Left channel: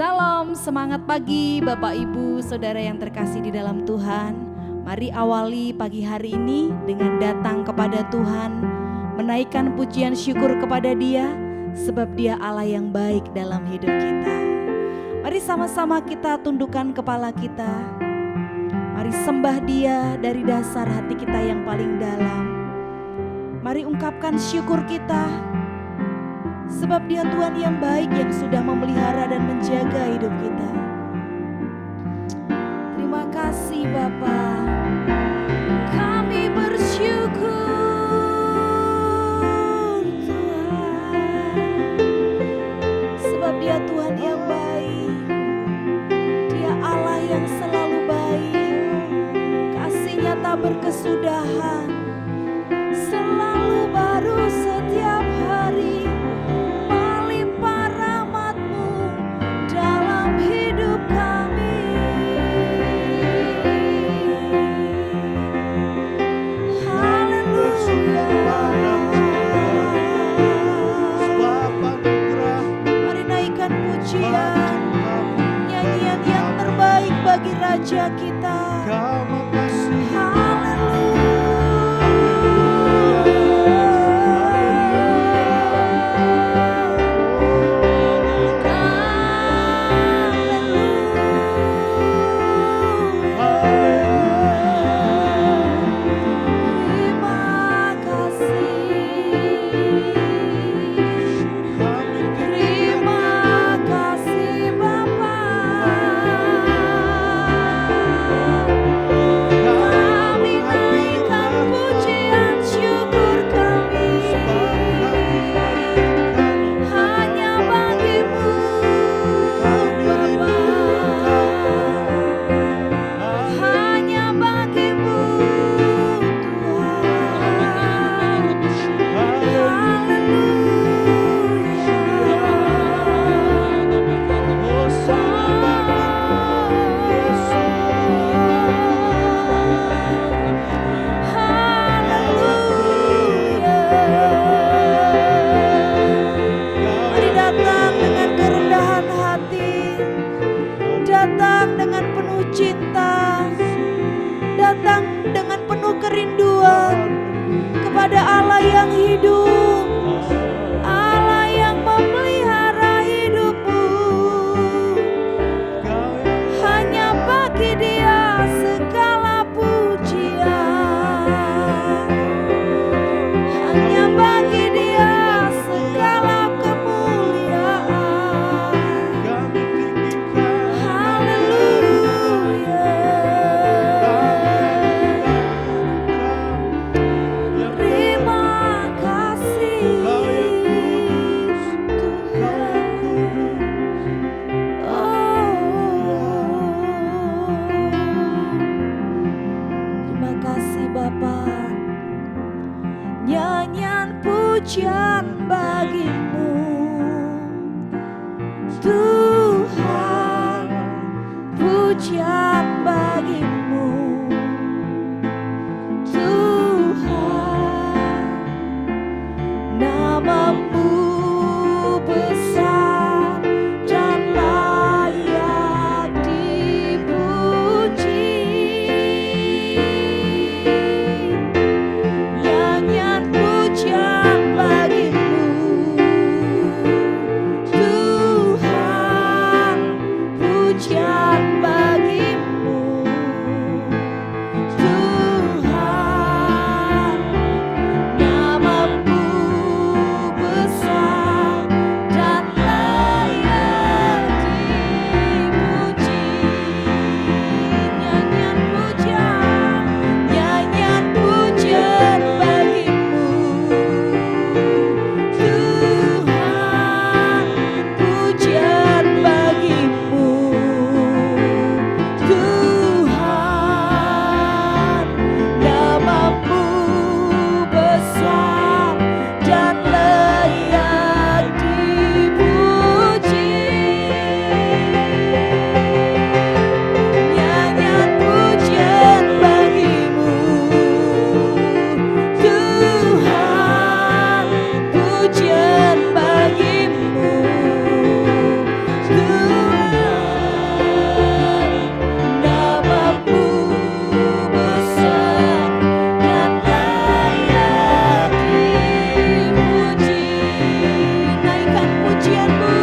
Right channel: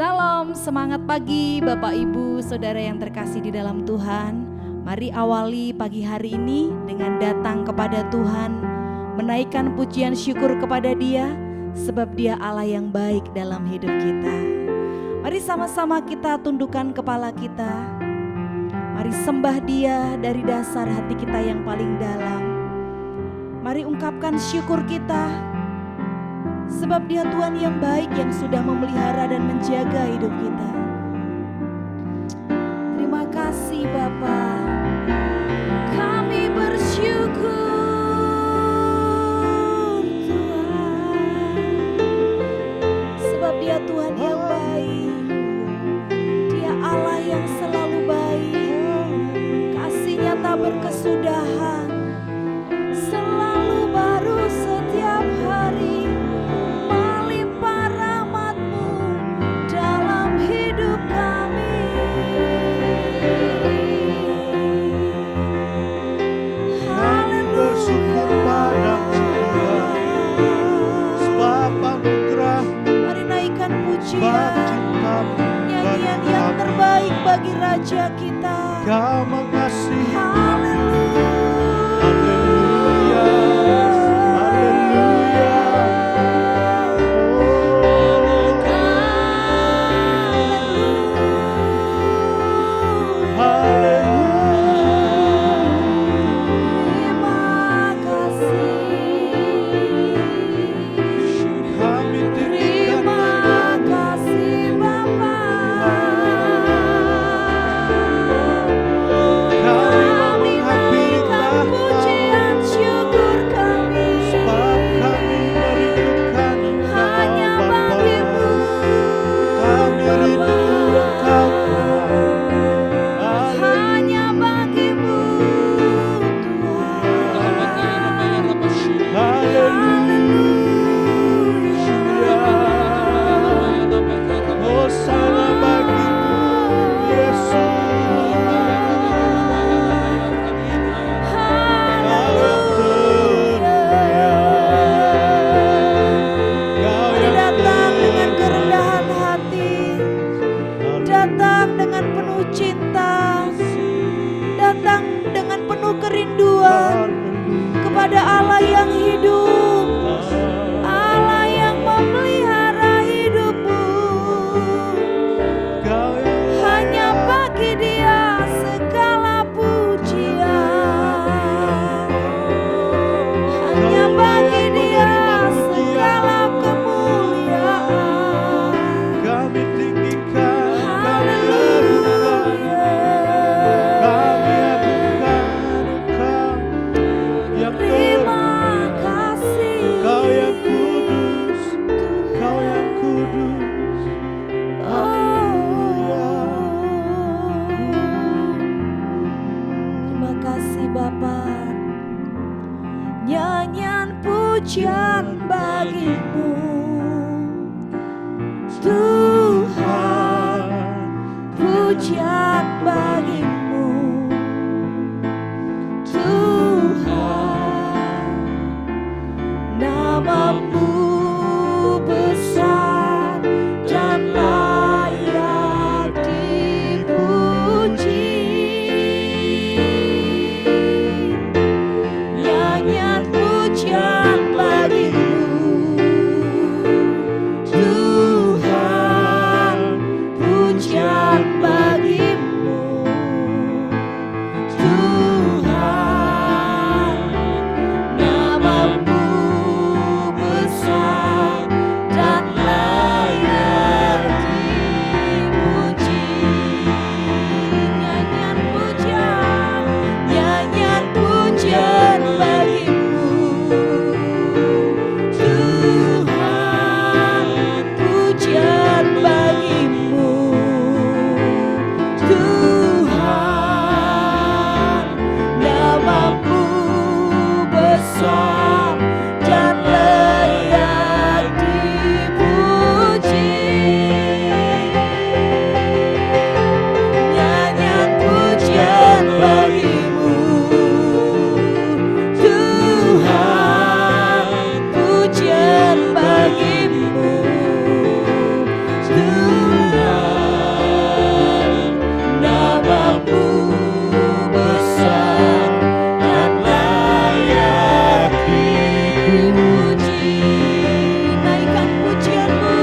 Salam, semangat pagi Bapak Ibu Saudara yang terkasih di dalam Tuhan. Mari awali pagi hari ini dengan datang kepada Tuhan, menaikkan pujian syukur kepada Dia, sebab Dia Allah yang baik dalam hidup kita. Mari sama-sama kita tundukkan kepala kita. Mari sembah Dia dari dasar hati kita yang paling dalam. Mari ungkapkan syukur kita, sebab Dia Tuhan yang baik yang sudah memelihara dan menjaga hidup kita. Terima kasih Bapa. Kami bersyukur Tuhan, sebab Dia Tuhan yang baik. Dia Allah yang selalu baik. Kasih-Nya tak berkesudahan, selalu baru setiap hari. Melimpah rahmat-Mu dalam hidup kami. Kami bersyukur padamu Tuhan, sebab anugerah-Mu, Mari naikkan sebab pujian, cinta-Mu nyanyian bagi yang kami. terbaik bagi Raja kita. Kau mengasihi kami. Haleluya. Haleluya. Haleluya. Oh, haleluya. Terima kasih. Kami tinggikan Terima namamu. kasih Bapa. Kami mau Kami menghampiri naikkan tahta-Mu, pujian syukur kami. sebab kami merindukan Engkau Hanya Bapa. bagimu Kami rindu Bapa. Engkau Tuhan. Hanya bagimu Tuhan. Haleluya. Hosana bagimu Yesus. Mari datang dengan kerendahan hati, datang dengan penuh cinta, datang dengan penuh kerinduan kepada Allah yang hidup, Allah yang memelihara hidupmu. Hanya bagi Dia segala pujian, hanya bagi Dia segala kemuliaan. Kami tinggikan, Haleluya. kami agungkan Engkau yang Terima termulia. kasih Kau yang kudus, Tuhan. Kau yang kudus. Terima kasih Bapa. Nyanyian pujian bagimu Tuhan, pujian bagimu Tuhan. Namamu besar dan layak dipuji. Nyanyian pujian bagimu Tuhan, pujian bagimu Tuhan. Namamu besar dan layak dipuji. Nyanyian pujian bagimu Tuhan, pujian bagimu Tuhan. Namamu besar dan layak dipuji. Nyanyian pujian bagimu Tuhan, pujian bagimu Tuhan. Namamu besar dan layak dipuji. Naikkan pujianmu,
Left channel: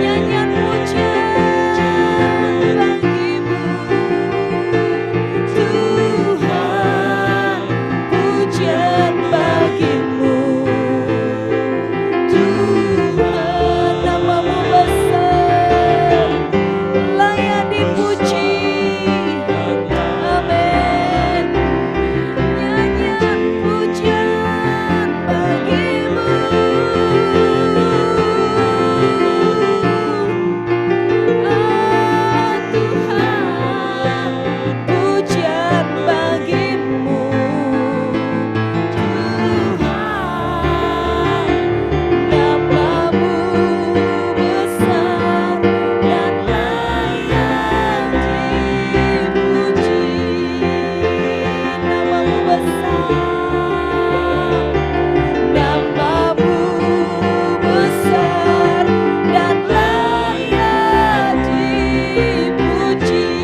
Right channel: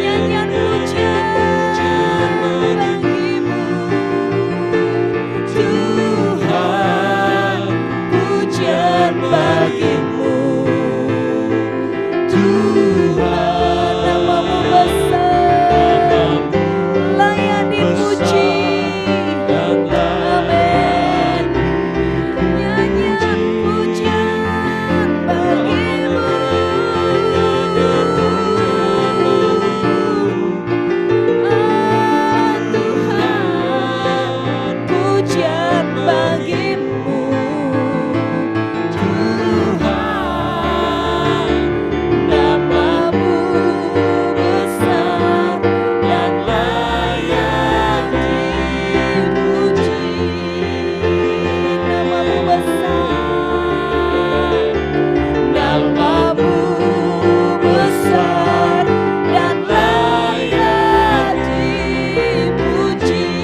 nyanyian pujian bagimu Tuhan, pujian bagimu Tuhan. Namamu besar, layak dipuji. Amin. Nyanyian pujian bagimu Tuhan, pujian bagimu Tuhan. Namamu besar dan layak dipuji. Namamu besar, namamu besar dan layak dipuji.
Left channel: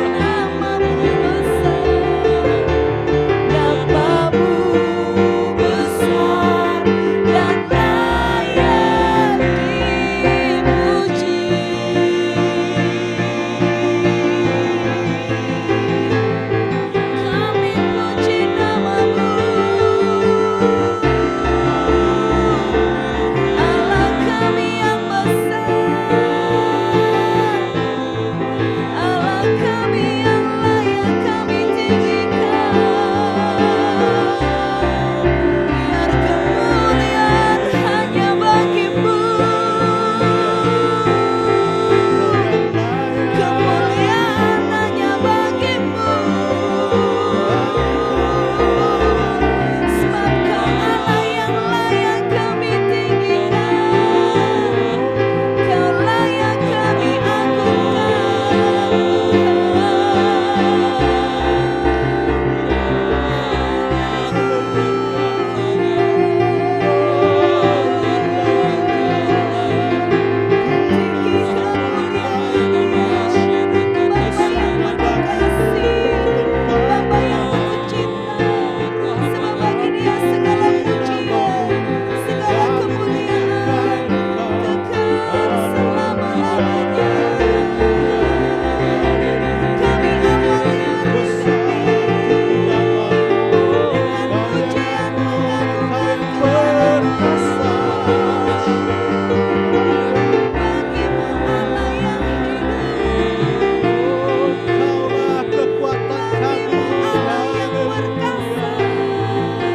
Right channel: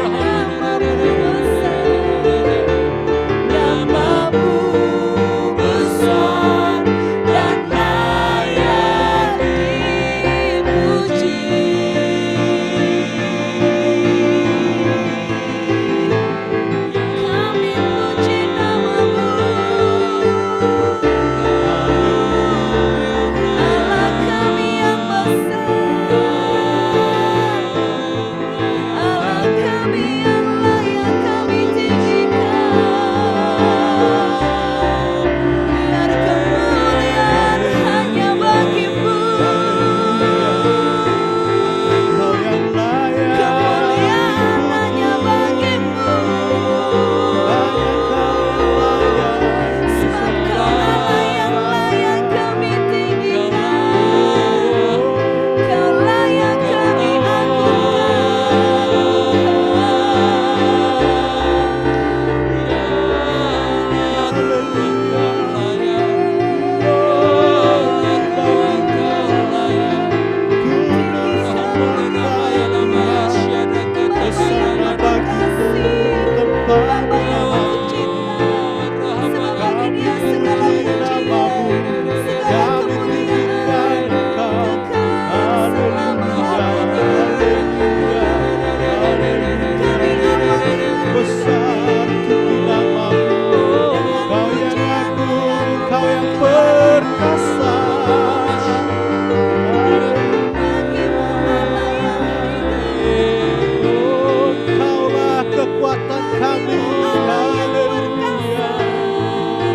Namamu besar, namamu besar dan layak dipuji. Kami puji namamu, Allah kami yang besar, Allah kami yang layak kami tinggikan. Biar kemuliaan hanya bagimu, Engkau yang layak kemuliaan dipuji. hanya bagimu. Hanya Kau yang layak Sebab Kau Allah yang layak kami tinggikan, Kau layak kami agungkan Tuhan. Haleluya. Glory bagimu. Kudus semua Tuhan. Hosana bagimu tempat Bapa yang Tuhan. penuh cinta, sebab bagi Kami Dia segala puji pujian, namamu, segala kami tinggikan kemuliaan Engkau. kekal Haleluya, selama-lamanya. haleluya, haleluya. Kami awalnya Besar tinggi namamu, dengan Kau yang pujian agung, Engkau yang pengagungan perkasa. Haleluya. bagimu Allah yang hidup, Oh, Engkaulah kekuatan kami. Allah yang Haleluya.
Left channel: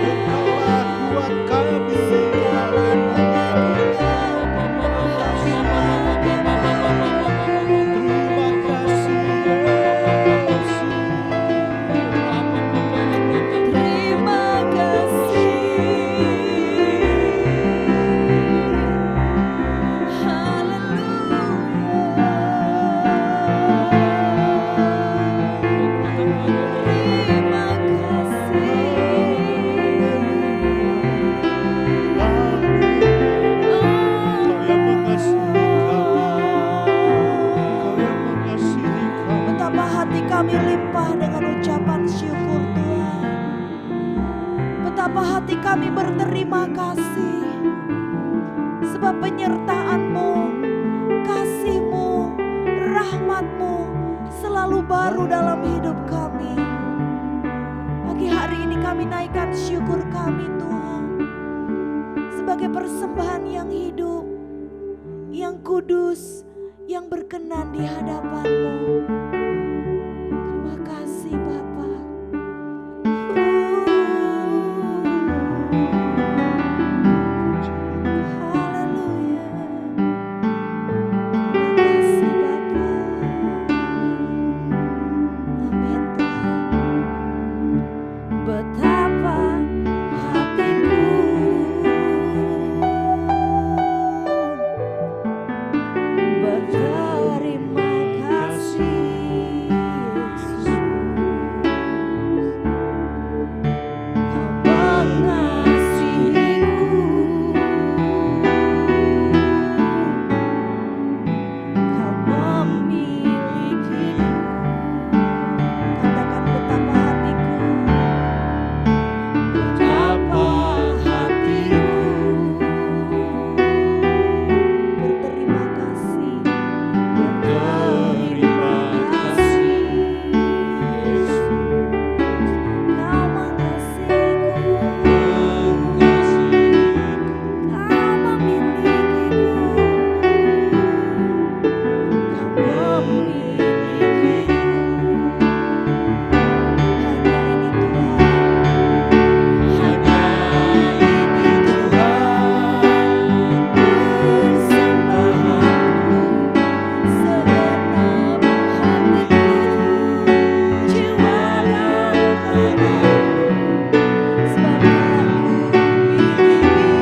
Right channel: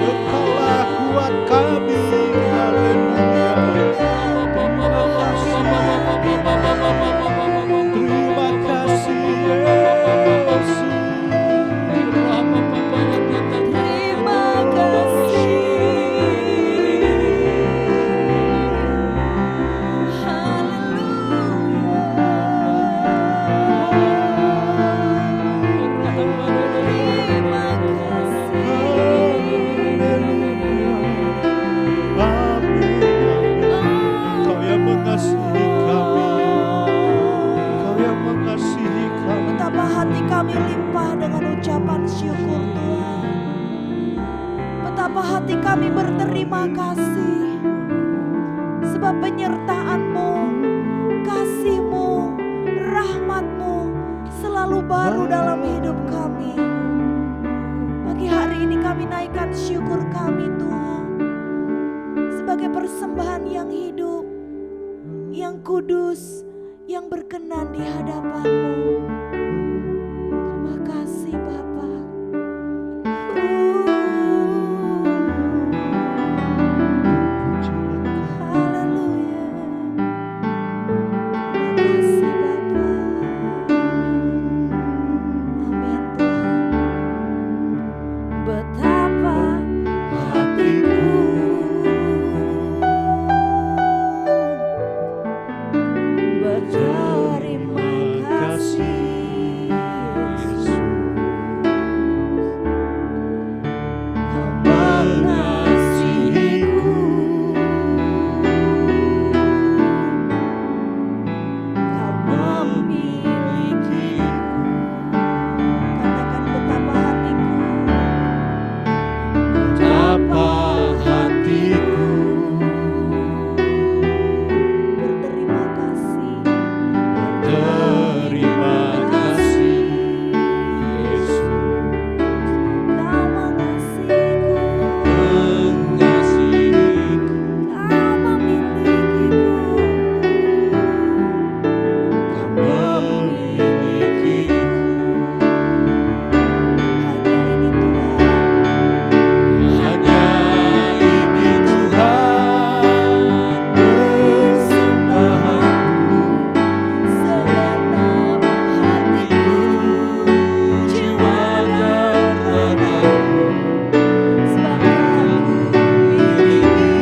Engkaulah kuat kami. Haleluya. Terima kasih Yesus. terima kasih. Haleluya. Terima kasih. Haleluya. Amin, amin. Engkau yang mengasihi kami. Engkau yang mengasihi kami. Betapa hati kami limpah dengan ucapan syukur Tuhan. Betapa hati kami berterima kasih. Sebab penyertaan-Mu, kasih-Mu, rahmat-Mu selalu baru dalam hidup kami. Pagi hari ini kami naikkan syukur kami Tuhan. Sebagai persembahan yang hidup, yang kudus, yang berkenan di hadapan-Mu. Terima kasih Bapa. Terpujilah Kau. Haleluya. Terima kasih Bapa. Amin Tuhan. Betapa hatiku berterima kasih Yesus. Kau mengasihiku, Kau memiliki betapa hatiku, betapa hatiku berterima kasih, berterima kasih Yesus. Kau mengasihiku, Kau memilikiku, Kau memilikiku. Hanya ini Tuhan, Hanya ini Tuhan persembahanku, segenap hatiku, jiwa dan ragaku, sebab aku miliki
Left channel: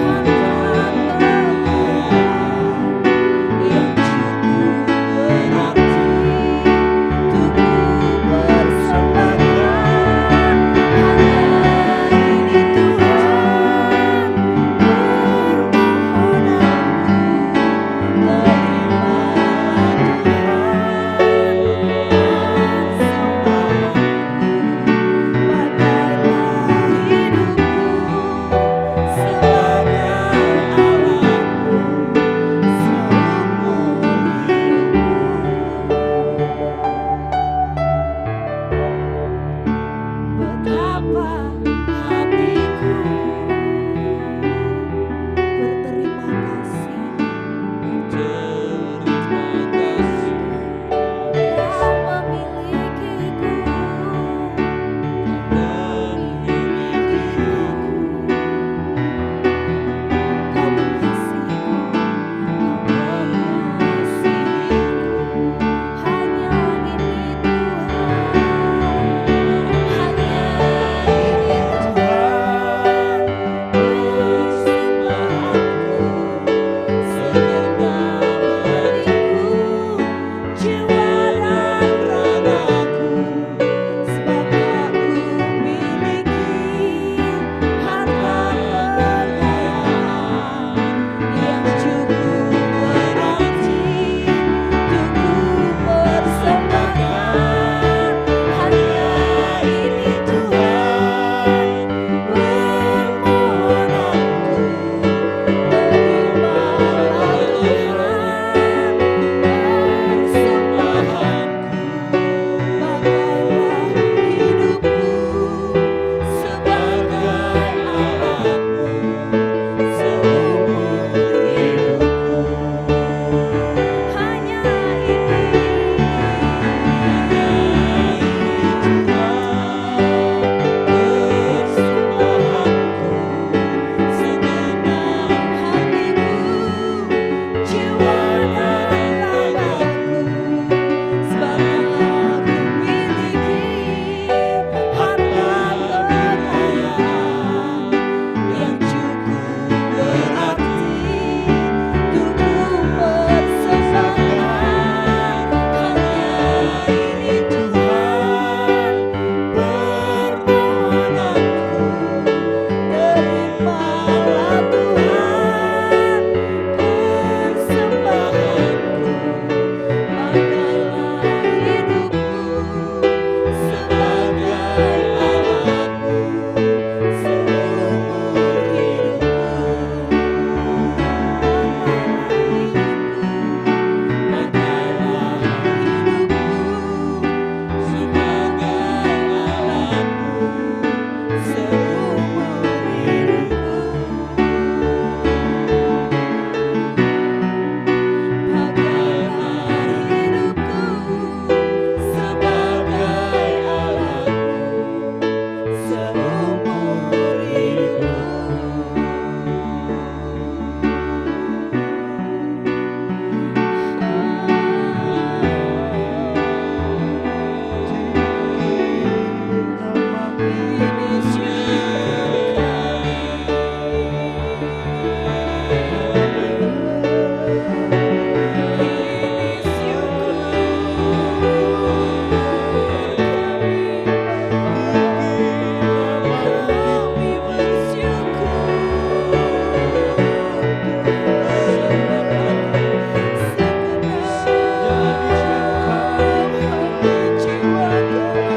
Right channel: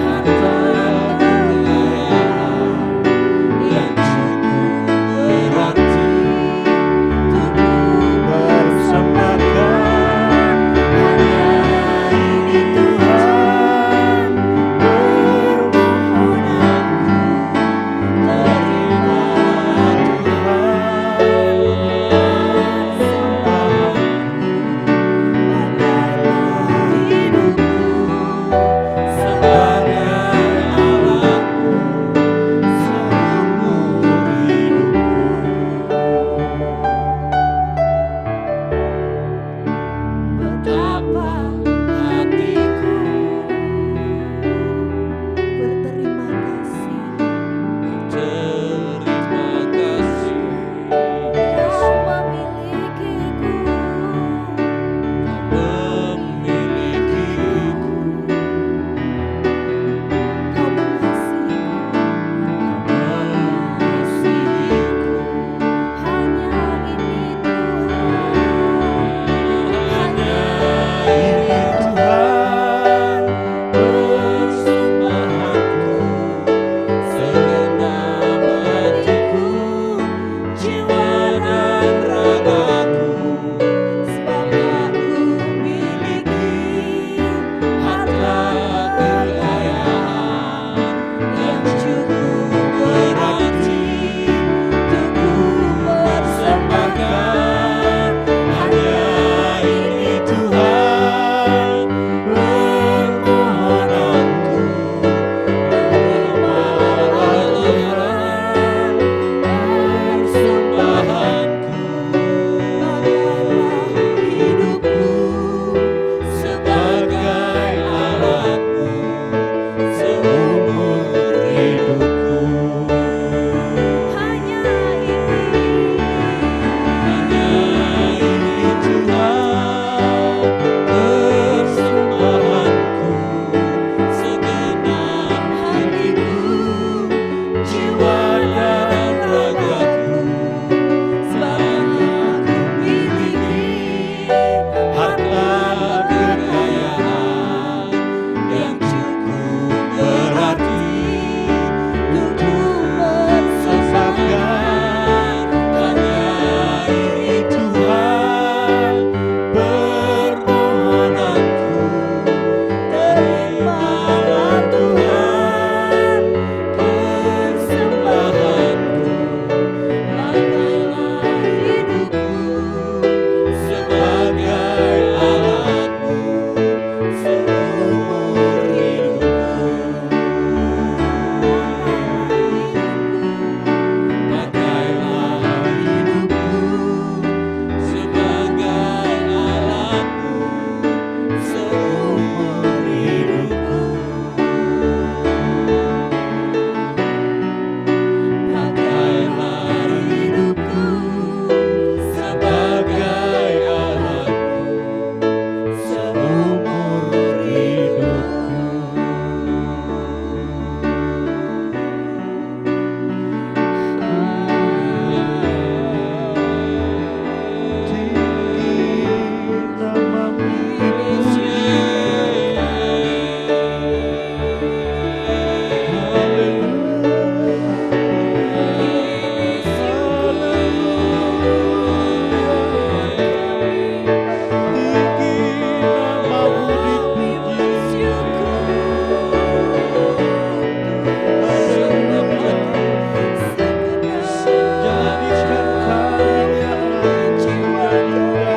harta kekayaan yang cukup berarti untuk ku persembahkan. Hanya ini Tuhan permohonanku, terimalah Tuhan persembahanku. Pakailah hidupku sebagai alatmu seumur hidupku. Betapa hatiku berterima kasih, terima kasih Kau memilikiku, Kau memilikiku, Kau mengasihiku, Kau mengasihiku. Hanya ini Tuhan, hanya ini Tuhan persembahanku, segenap hatiku, jiwa dan ragaku, sebab aku miliki harta kekayaan yang cukup berarti untuk ku persembahkan. Hanya ini Tuhan permohonanku, terimalah Tuhan persembahanku. Pakailah hidupku sebagai alatmu seumur hidupku. Hanya ini Tuhan persembahanku, segenap hatiku, jiwa dan ragaku, sebab aku miliki harta kekayaan yang cukup berarti untuk ku persembahkan. Hanya ini Tuhan permohonanku, terimalah Tuhan persembahanku. Pakailah hidupku sebagai alatmu seumur hidupku. Pakailah hidupku, pakailah hidupku sebagai alatmu seumur hidupku. Pakailah hidupku sebagai alatmu seumur hidupku. tinggi namamu dipuji. Haleluya, tinggi namamu dipuji. Haleluya, jadikan kami anak yang indah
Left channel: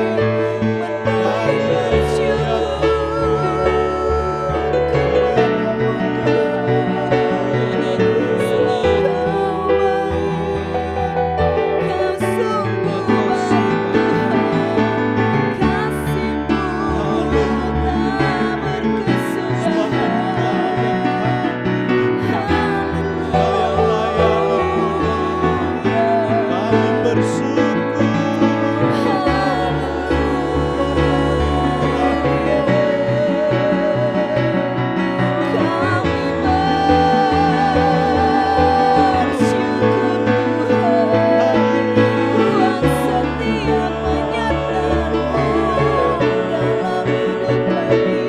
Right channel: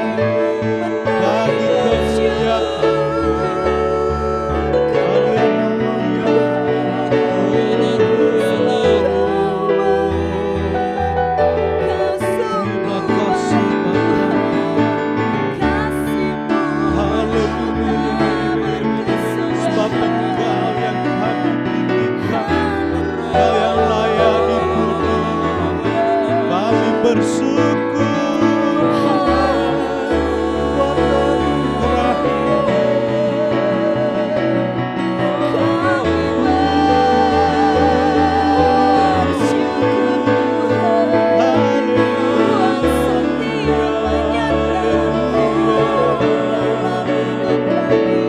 bersyukur buat anugerah-Mu. Kami bersyukur Tuhan, buat setiap penyertaan-Mu dalam hidup kami.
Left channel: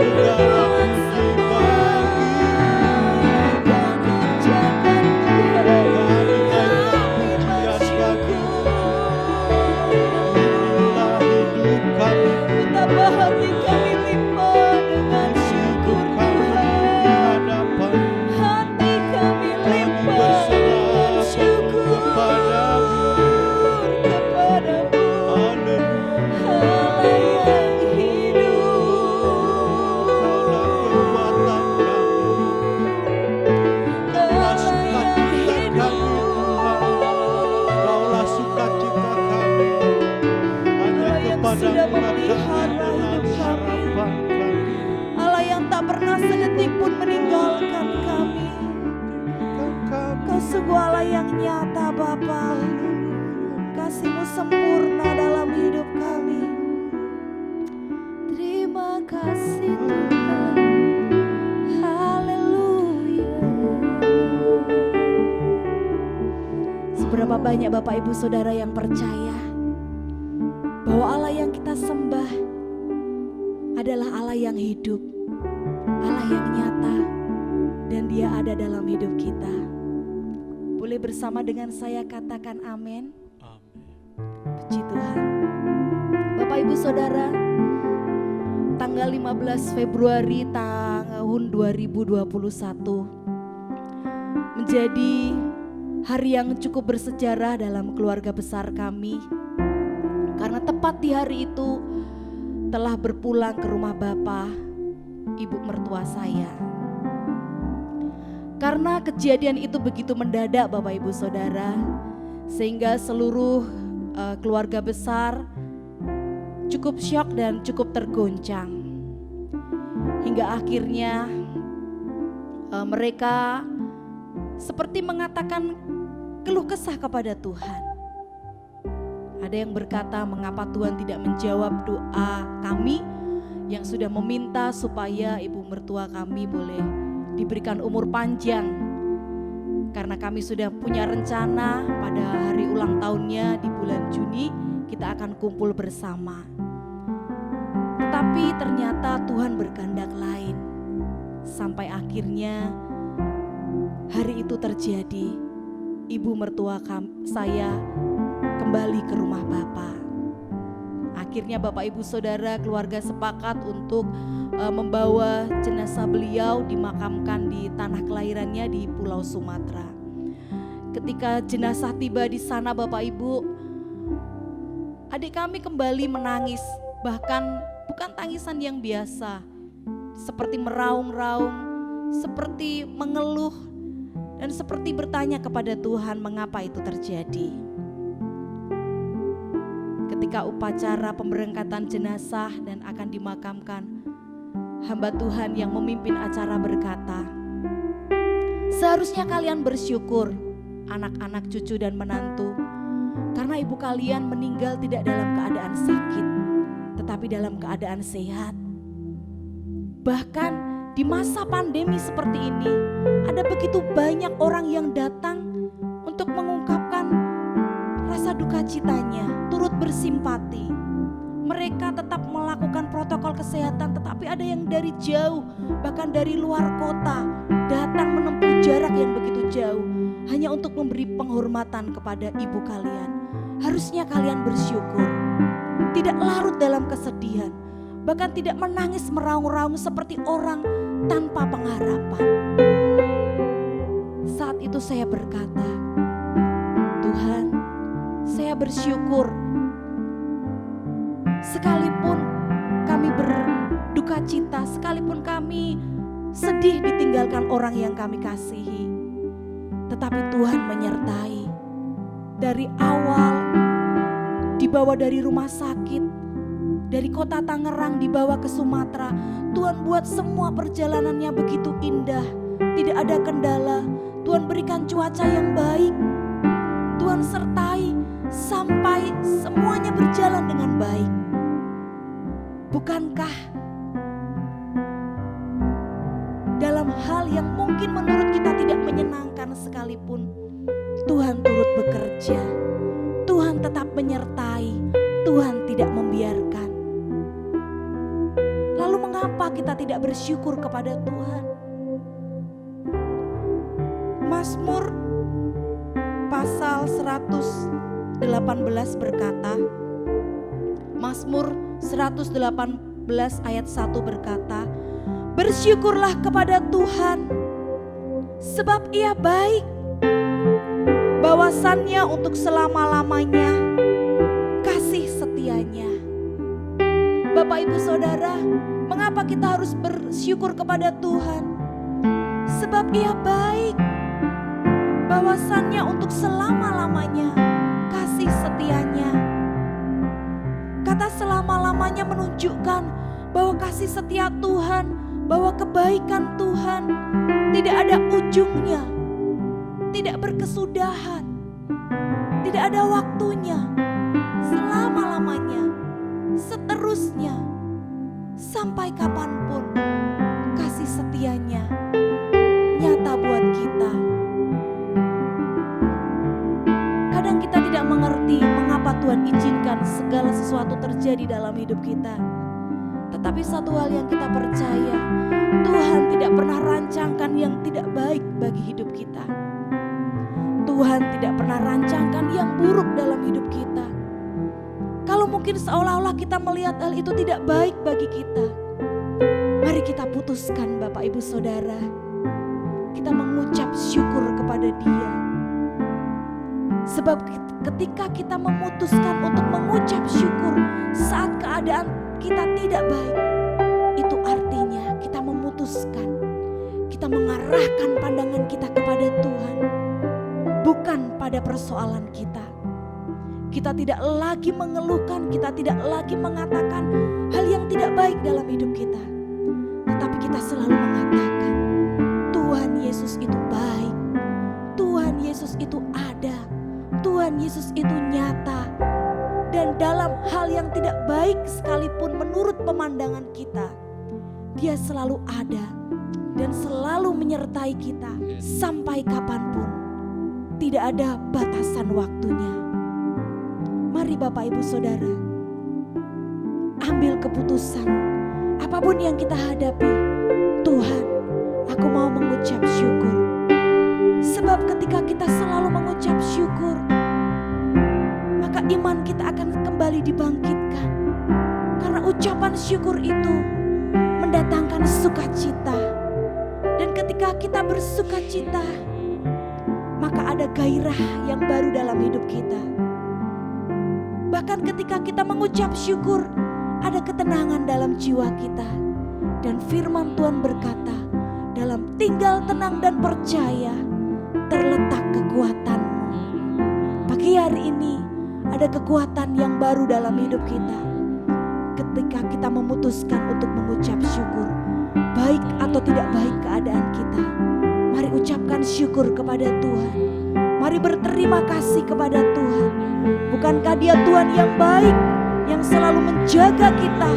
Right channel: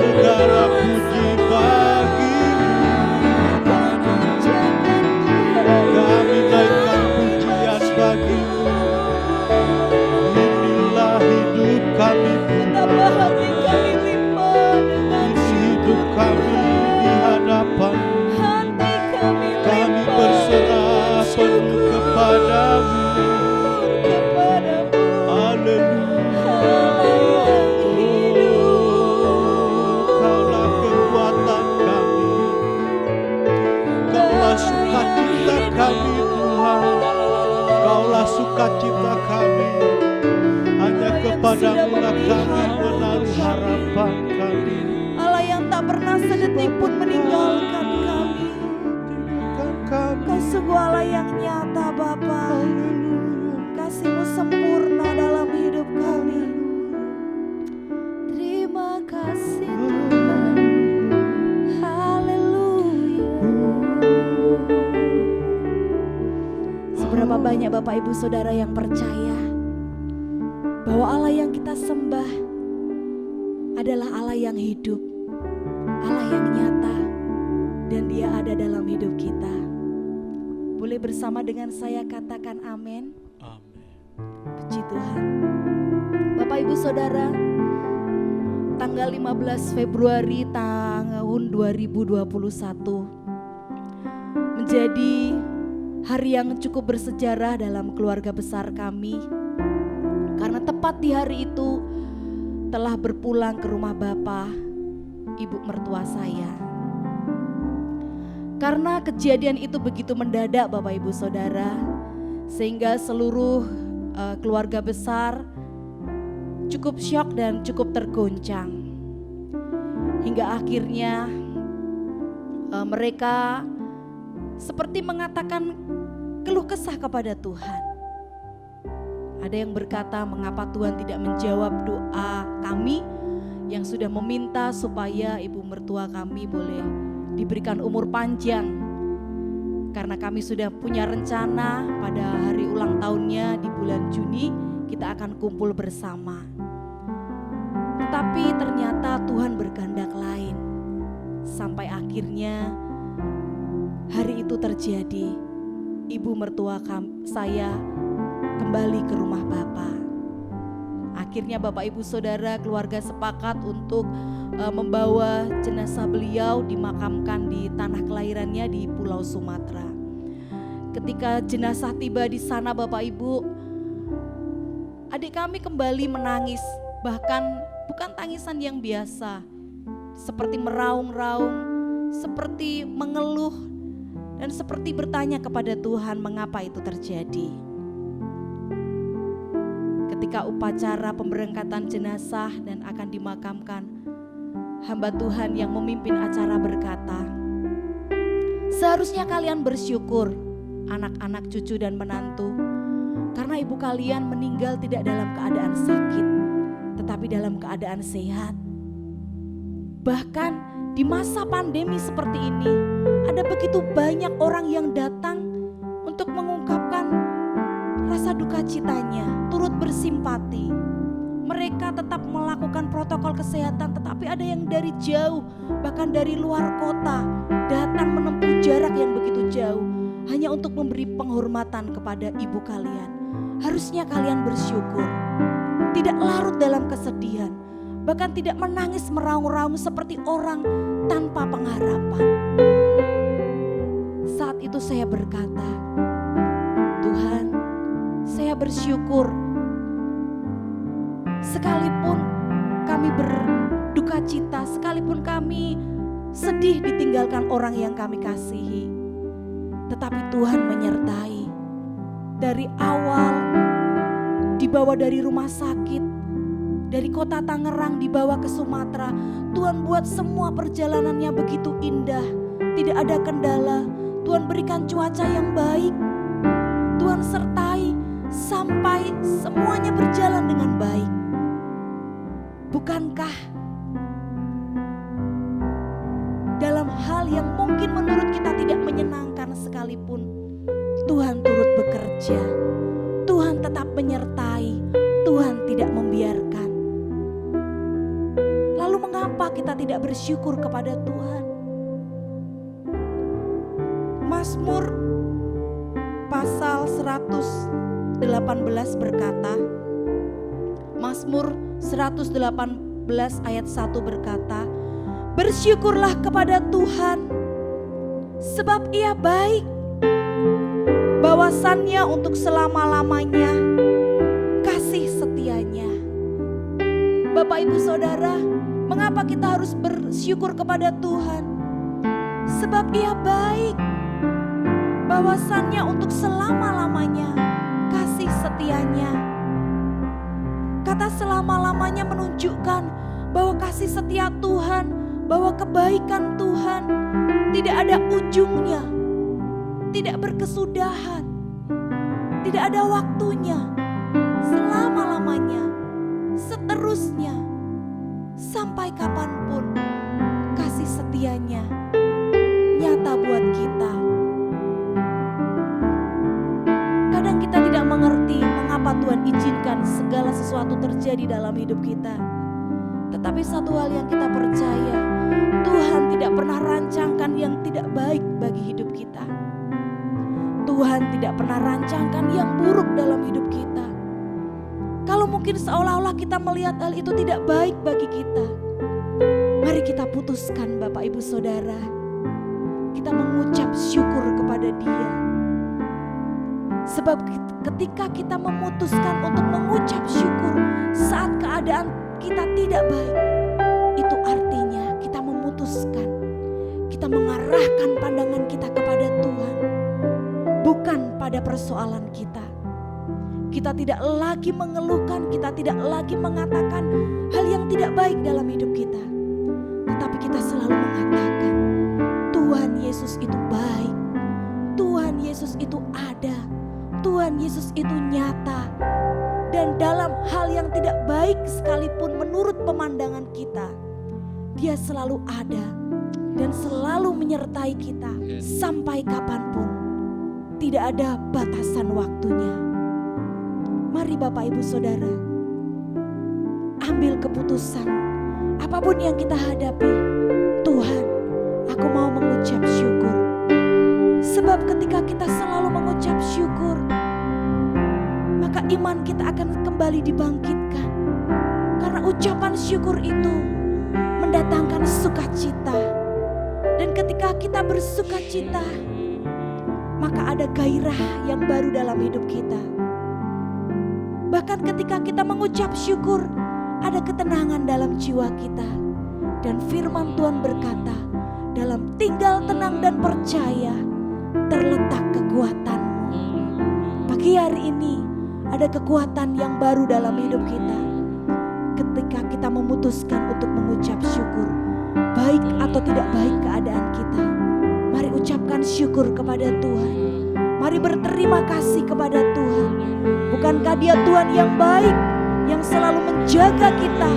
Segala puji bagi-Mu, Kau kerjakan Tuhan. kami naikkan pujian bagi-Mu. Inilah hidup kami Betapa Tuhan, hati kami limpah dengan ini hidup syukur kami di Tuhan. hadapan-Mu. Hati kami Kami limpah berserah dengan penuh syukur kepadamu. kepadamu. Haleluya. Allah yang hidup, Kaulah kekuatan kami, Kaulah sukacita kami Tuhan, Kaulah sukacita kami. Hanya Allah yang kepadamu sudah lah kami memelihara menaruh hidup kami. harapan kami. Allah yang tak pernah sedetik pun meninggalkan kami. Tinggalkan kami. Kau sungguh Allah yang nyata Bapa. Haleluya. Kasih-Mu sempurna dalam hidup kami. Terima kasih Tuhan. Haleluya. Seberapa banyak Bapak Ibu Saudara yang percaya bahwa Allah yang kita sembah adalah Allah yang hidup, Allah yang nyata, dan Dia ada dalam hidup kita. Boleh bersama dengan saya katakan amin. Amin. Puji Tuhan. Bapak Ibu Saudara, tanggal 15 Februari tahun 2021 menjadi hari yang cukup bersejarah dalam keluarga besar kami. Karena tepat di hari itu telah berpulang ke rumah Bapak, Ibu mertua saya. Karena kejadian itu begitu mendadak Bapak Ibu Saudara, sehingga seluruh keluarga besar cukup syok dan cukup tergoncang. Hingga akhirnya mereka seperti mengatakan keluh kesah kepada Tuhan. Ada yang berkata, mengapa Tuhan tidak menjawab doa kami yang sudah meminta supaya ibu mertua kami boleh diberikan umur panjang. Karena kami sudah punya rencana pada hari ulang tahunnya di bulan Juni kita akan kumpul bersama. Tetapi ternyata Tuhan berkehendak lain. Sampai akhirnya hari itu terjadi. Ibu mertua saya kembali ke rumah Bapak. Akhirnya Bapak Ibu Saudara keluarga sepakat untuk membawa jenazah beliau dimakamkan di tanah kelahirannya di Pulau Sumatera. Ketika jenazah tiba di sana Bapak Ibu, adik kami kembali menangis, bahkan bukan tangisan yang biasa, seperti meraung-raung, seperti mengeluh, dan seperti bertanya kepada Tuhan mengapa itu terjadi. Ketika upacara pemberangkatan jenazah dan akan dimakamkan, hamba Tuhan yang memimpin acara berkata, seharusnya kalian bersyukur anak-anak, cucu dan menantu, karena ibu kalian meninggal tidak dalam keadaan sakit, tetapi dalam keadaan sehat. Bahkan di masa pandemi seperti ini, ada begitu banyak orang yang datang untuk mengungkapkan rasa duka citanya, turut bersimpati. Mereka tetap melakukan protokol kesehatan, tetapi ada yang dari jauh, bahkan dari luar kota, datang menempuh jarak yang begitu jauh, hanya untuk memberi penghormatan kepada ibu kalian. Harusnya kalian bersyukur, tidak larut dalam kesedihan, bahkan tidak menangis meraung-raung seperti orang tanpa pengharapan. Saat itu saya berkata, Tuhan, saya bersyukur sekalipun kami berduka cita, sekalipun kami sedih ditinggalkan orang yang kami kasihi, tetapi Tuhan menyertai. Dari awal dibawa dari rumah sakit, dari kota Tangerang dibawa ke Sumatera, Tuhan buat semua perjalanannya begitu indah, tidak ada kendala. Tuhan berikan cuaca yang baik, Tuhan sertai sampai semuanya berjalan dengan baik. Bukankah dalam hal yang mungkin menurut kita tidak menyenangkan sekalipun, Tuhan turut bekerja, Tuhan tetap menyertai, Tuhan tidak membiarkan. Lalu mengapa kita tidak bersyukur kepada Tuhan? Mazmur pasal 118 berkata, Mazmur 118 ayat 1 berkata, bersyukurlah kepada Tuhan sebab Ia baik, bahwasannya untuk selama-lamanya kasih setianya. Bapak Ibu Saudara, mengapa kita harus bersyukur kepada Tuhan? Sebab Ia baik, bahwasannya untuk selama-lamanya kasih setianya. Kata selama-lamanya menunjukkan bahwa kasih setia Tuhan, bahwa kebaikan Tuhan tidak ada ujungnya, tidak berkesudahan, tidak ada waktunya, selama-lamanya, seterusnya, sampai kapanpun kasih setianya nyata buat kita. Kadang kita tidak mengerti mengapa Tuhan izinkan segala sesuatu terjadi dalam hidup kita. Tetapi satu hal yang kita percaya, Tuhan tidak pernah rancangkan yang tidak baik bagi hidup kita. Tuhan tidak pernah rancangkan yang buruk dalam hidup kita. Kalau mungkin seolah-olah kita melihat hal itu tidak baik bagi kita, mari kita putuskan Bapak Ibu Saudara, kita mengucap syukur kepada Dia. Sebab ketika kita memutuskan untuk mengucap syukur saat keadaan kita tidak baik, itu artinya kita memutuskan, kita mengarahkan pandangan kita kepada Tuhan, bukan pada persoalan kita. Kita tidak lagi mengeluhkan, kita tidak lagi mengatakan hal yang tidak baik dalam hidup kita. Tetapi kita selalu mengatakan, Tuhan Yesus itu baik, Tuhan Yesus itu ada, Tuhan Yesus itu nyata. Dan dalam hal yang tidak baik sekalipun menurut pemandangan kita, Dia selalu ada dan selalu menyertai kita sampai kapanpun. Tidak ada batasan waktunya. Mari Bapak Ibu Saudara, ambil keputusan. Apapun yang kita hadapi, Tuhan, aku mau mengucap syukur. Sebab ketika kita selalu mengucap syukur, maka iman kita akan kembali dibangkitkan. Karena ucapan syukur itu mendatangkan sukacita. Dan ketika kita bersukacita, maka ada gairah yang baru dalam hidup kita. Bahkan ketika kita mengucap syukur, ada ketenangan dalam jiwa kita. Dan firman Tuhan berkata, dalam tinggal tenang dan percaya terletak kekuatanmu. Pagi hari ini ada kekuatan yang baru dalam hidup kita. Ketika kita memutuskan untuk mengucap syukur, baik atau tidak baik keadaan kita, mari ucapkan syukur kepada Tuhan. Mari berterima kasih kepada Tuhan. Bukankah Dia Tuhan yang baik, yang selalu menjaga kita,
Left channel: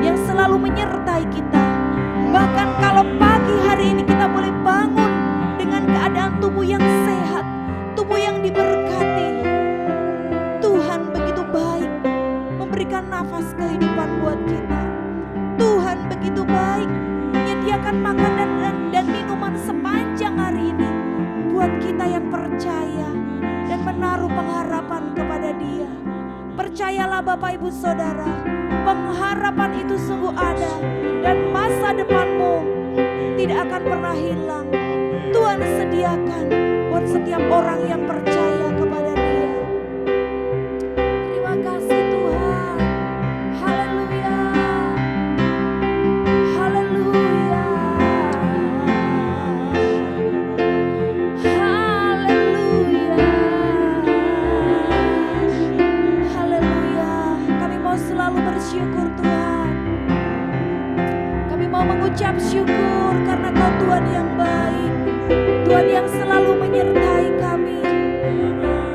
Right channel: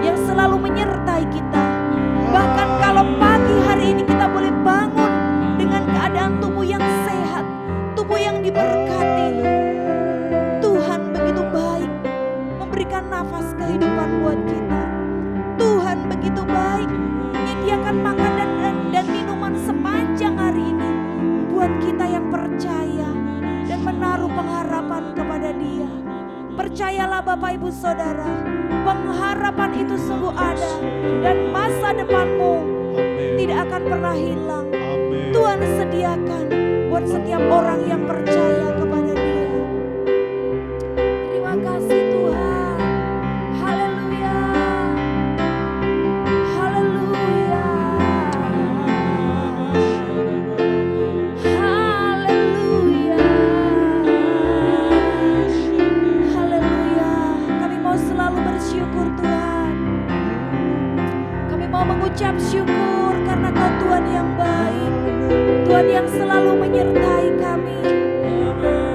yang selalu menyertai kita. Bahkan kalau pagi hari ini kita boleh bangun dengan keadaan tubuh yang sehat, tubuh yang diberkati. Tuhan begitu baik memberikan nafas kehidupan buat kita. Tuhan begitu baik menyediakan makanan dan minuman sepanjang hari ini buat kita yang percaya dan menaruh pengharapan kepada Dia. Percayalah Bapak Ibu Saudara, pengharapan itu sungguh ada dan masa depanmu tidak akan pernah hilang. Amen. Tuhan sediakan buat setiap orang yang percaya kepada Dia. Terima kasih Tuhan. Haleluya. Haleluya. Haleluya. Haleluya. Kami mau selalu bersyukur Tuhan. Kami mau mengucap syukur karena Kau Tuhan yang baik, Tuhan yang selalu menyertai kami,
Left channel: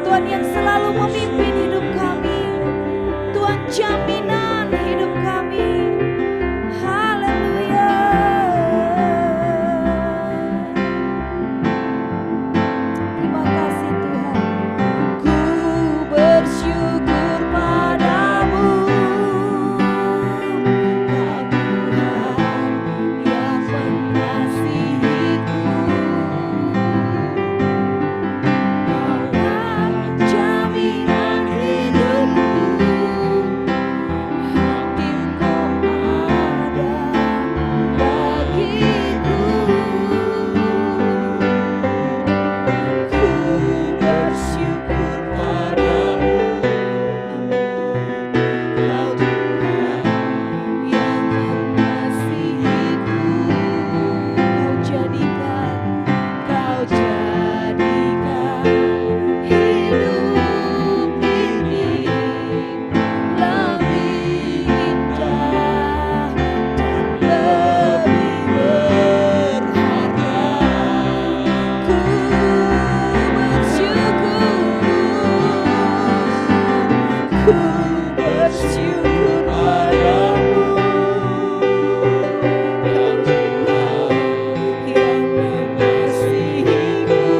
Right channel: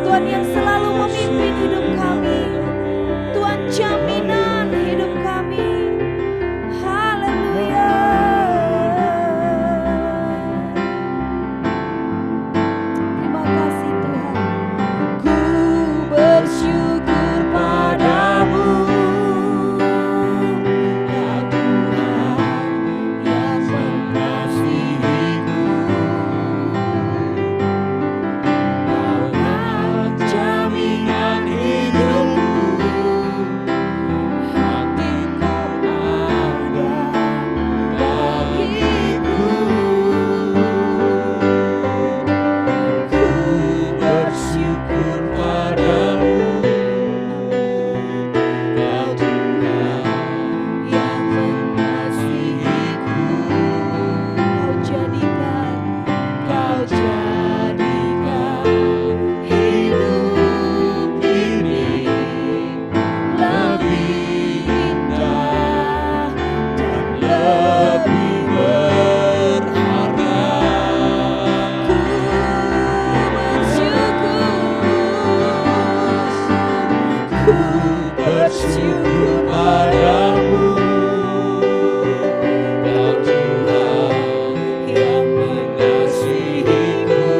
Tuhan Tuhan yang selalu memimpin hidup kami. Tuhan jaminan hidup kami. Haleluya. Terima kasih Tuhan. Ku bersyukur padamu, Kau Tuhan yang mengasihiku. Kaulah jaminan hidupku, hatimu ada bagiku. Ku bersyukur padamu, Kau Tuhan yang mengasihiku. Kau jadikan hidup ini lebih indah dan lebih berharga. Ku bersyukur padamu, Kau Tuhan yang mengasihiku.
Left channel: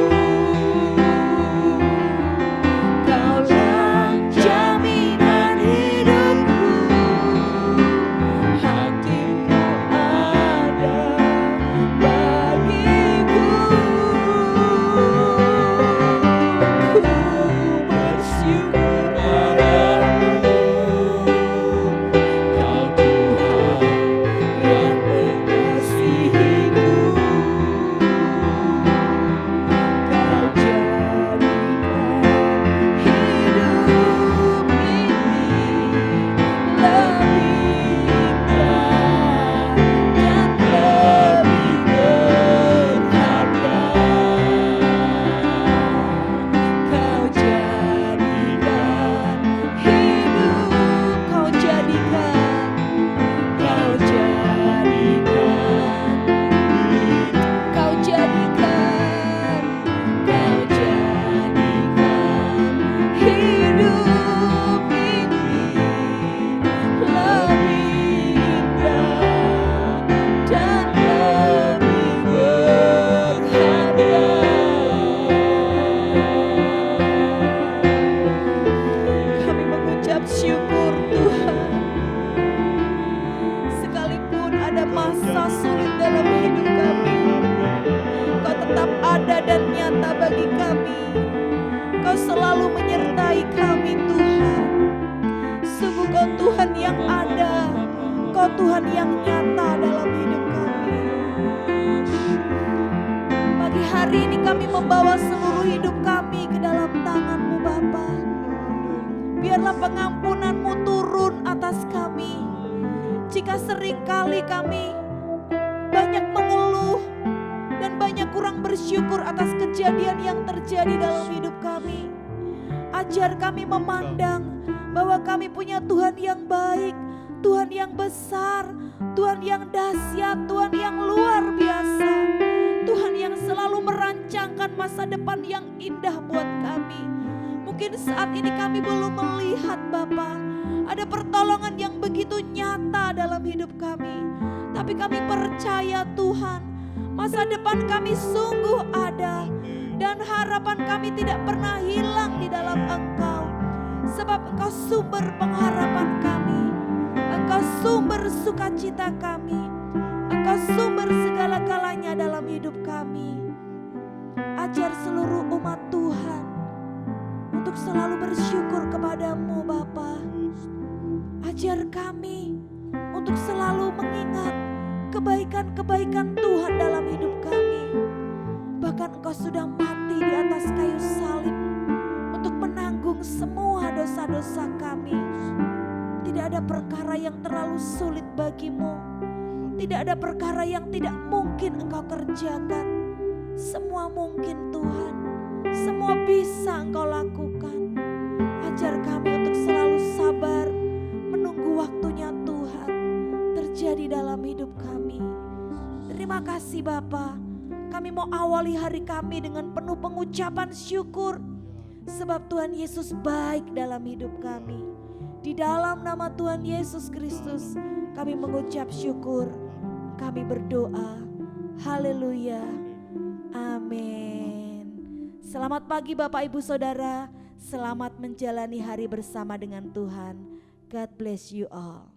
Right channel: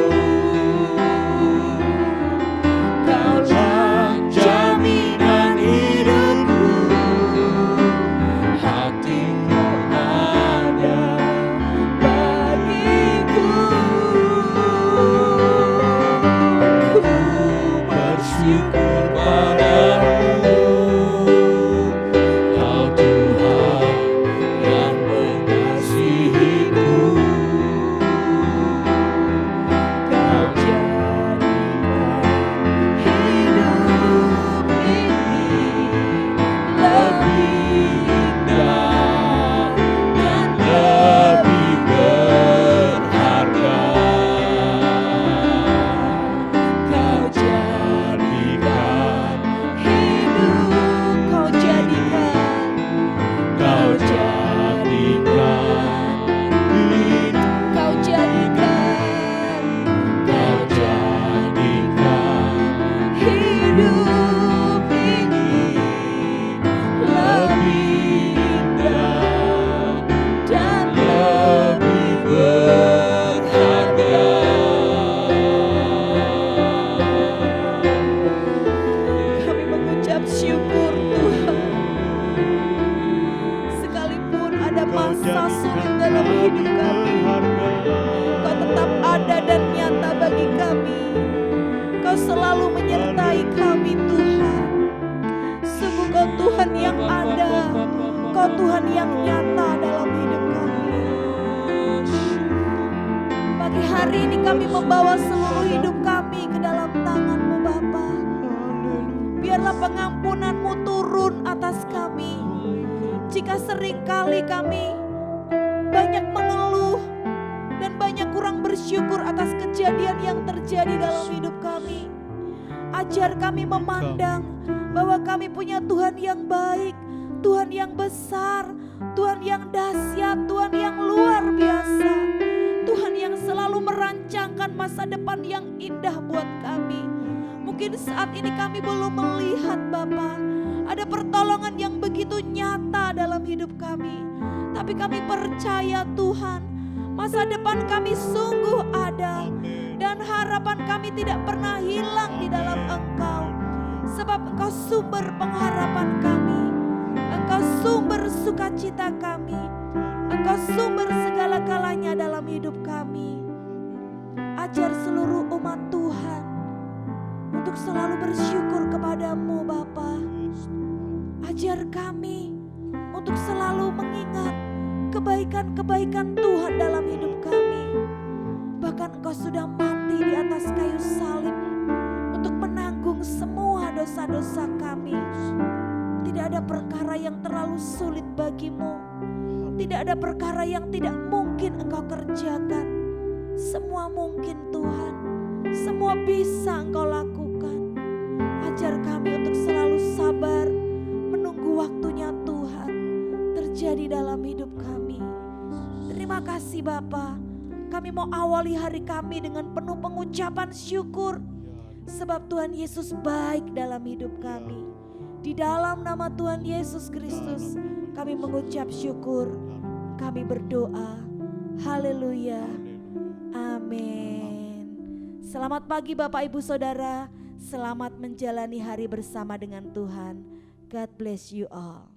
Kaulah jaminan hidupku, hatimu ada bagiku. Ku bersyukur padamu, Kau Tuhan yang mengasihiku. Kau jadikan hidup ini lebih indah dan lebih berharga. Kau jadikan hidup, Kau jadikan hidup, Kau jadikan hidup ini lebih indah dan lebih berharga. Kami mengucap syukur Tuhan. Sekalipun ada masa sulit dalam hidup kami, Kau tetap ada dan nyata bagi kami. Kau selalu menyertai kami Tuhan. Sungguh Kau Tuhan yang ada, Kau Tuhan yang nyata dalam hidup kami. Pagi hari ini kami membawa seluruh hidup kami ke dalam tangan-Mu Bapa. Biarlah pengampunan-Mu turun atas kami. Jika seringkali kami banyak mengeluh dan banyak kurang bersyukur atas kejadian yang terjadi dalam hidup kami, ajar kami memandang bahwa kami punya Tuhan yang baik, Tuhan yang besar, Tuhan yang dahsyat, Tuhan yang luar biasa, Tuhan yang selalu merancangkan masa depan yang indah buat kami. Mungkin saat ini kami belum melihat Bapa, ada pertolongan yang begitu nyata dalam hidup kami. Tapi kami percaya Tuhan, masa depan kami sungguh ada. Dan harapan kami tidak pernah hilang di dalam Engkau. Sebab Engkau sumber pengharapan kami. Engkau sumber sukacita kami. Engkau sumber segala-galanya dalam hidup kami. Ajar seluruh umat Tuhan untuk selalu bersyukur kepadamu Bapa. Ajar kami untuk selalu mengingat kebaikan-kebaikan Tuhan dalam hidup kami. Bahkan Engkau sudah mati di atas kayu salib untuk menanggung semua dosa-dosa kami. Tidak ada perkara yang terlalu sulit bagimu. Tidak ada perkara yang tidak mungkin Engkau kerjakan. Semua mungkin Tuhan. Semua bisa Engkau lakukan. Ajar kami untuk selalu sabar menunggu waktunya Tuhan terjadi dalam hidup kami. Terima kasih Bapa. Kami mau awali hari kami dengan penuh pengucapan syukur. sebab Tuhan Yesus baik dalam hidup kami. Di dalam nama Tuhan Yesus Kristus kami mengucap syukur, kami berdoa. Haleluya. Amin. Selamat pagi Bapak Ibu Saudara, selamat menjalani hari bersama dengan Tuhan. God bless you all.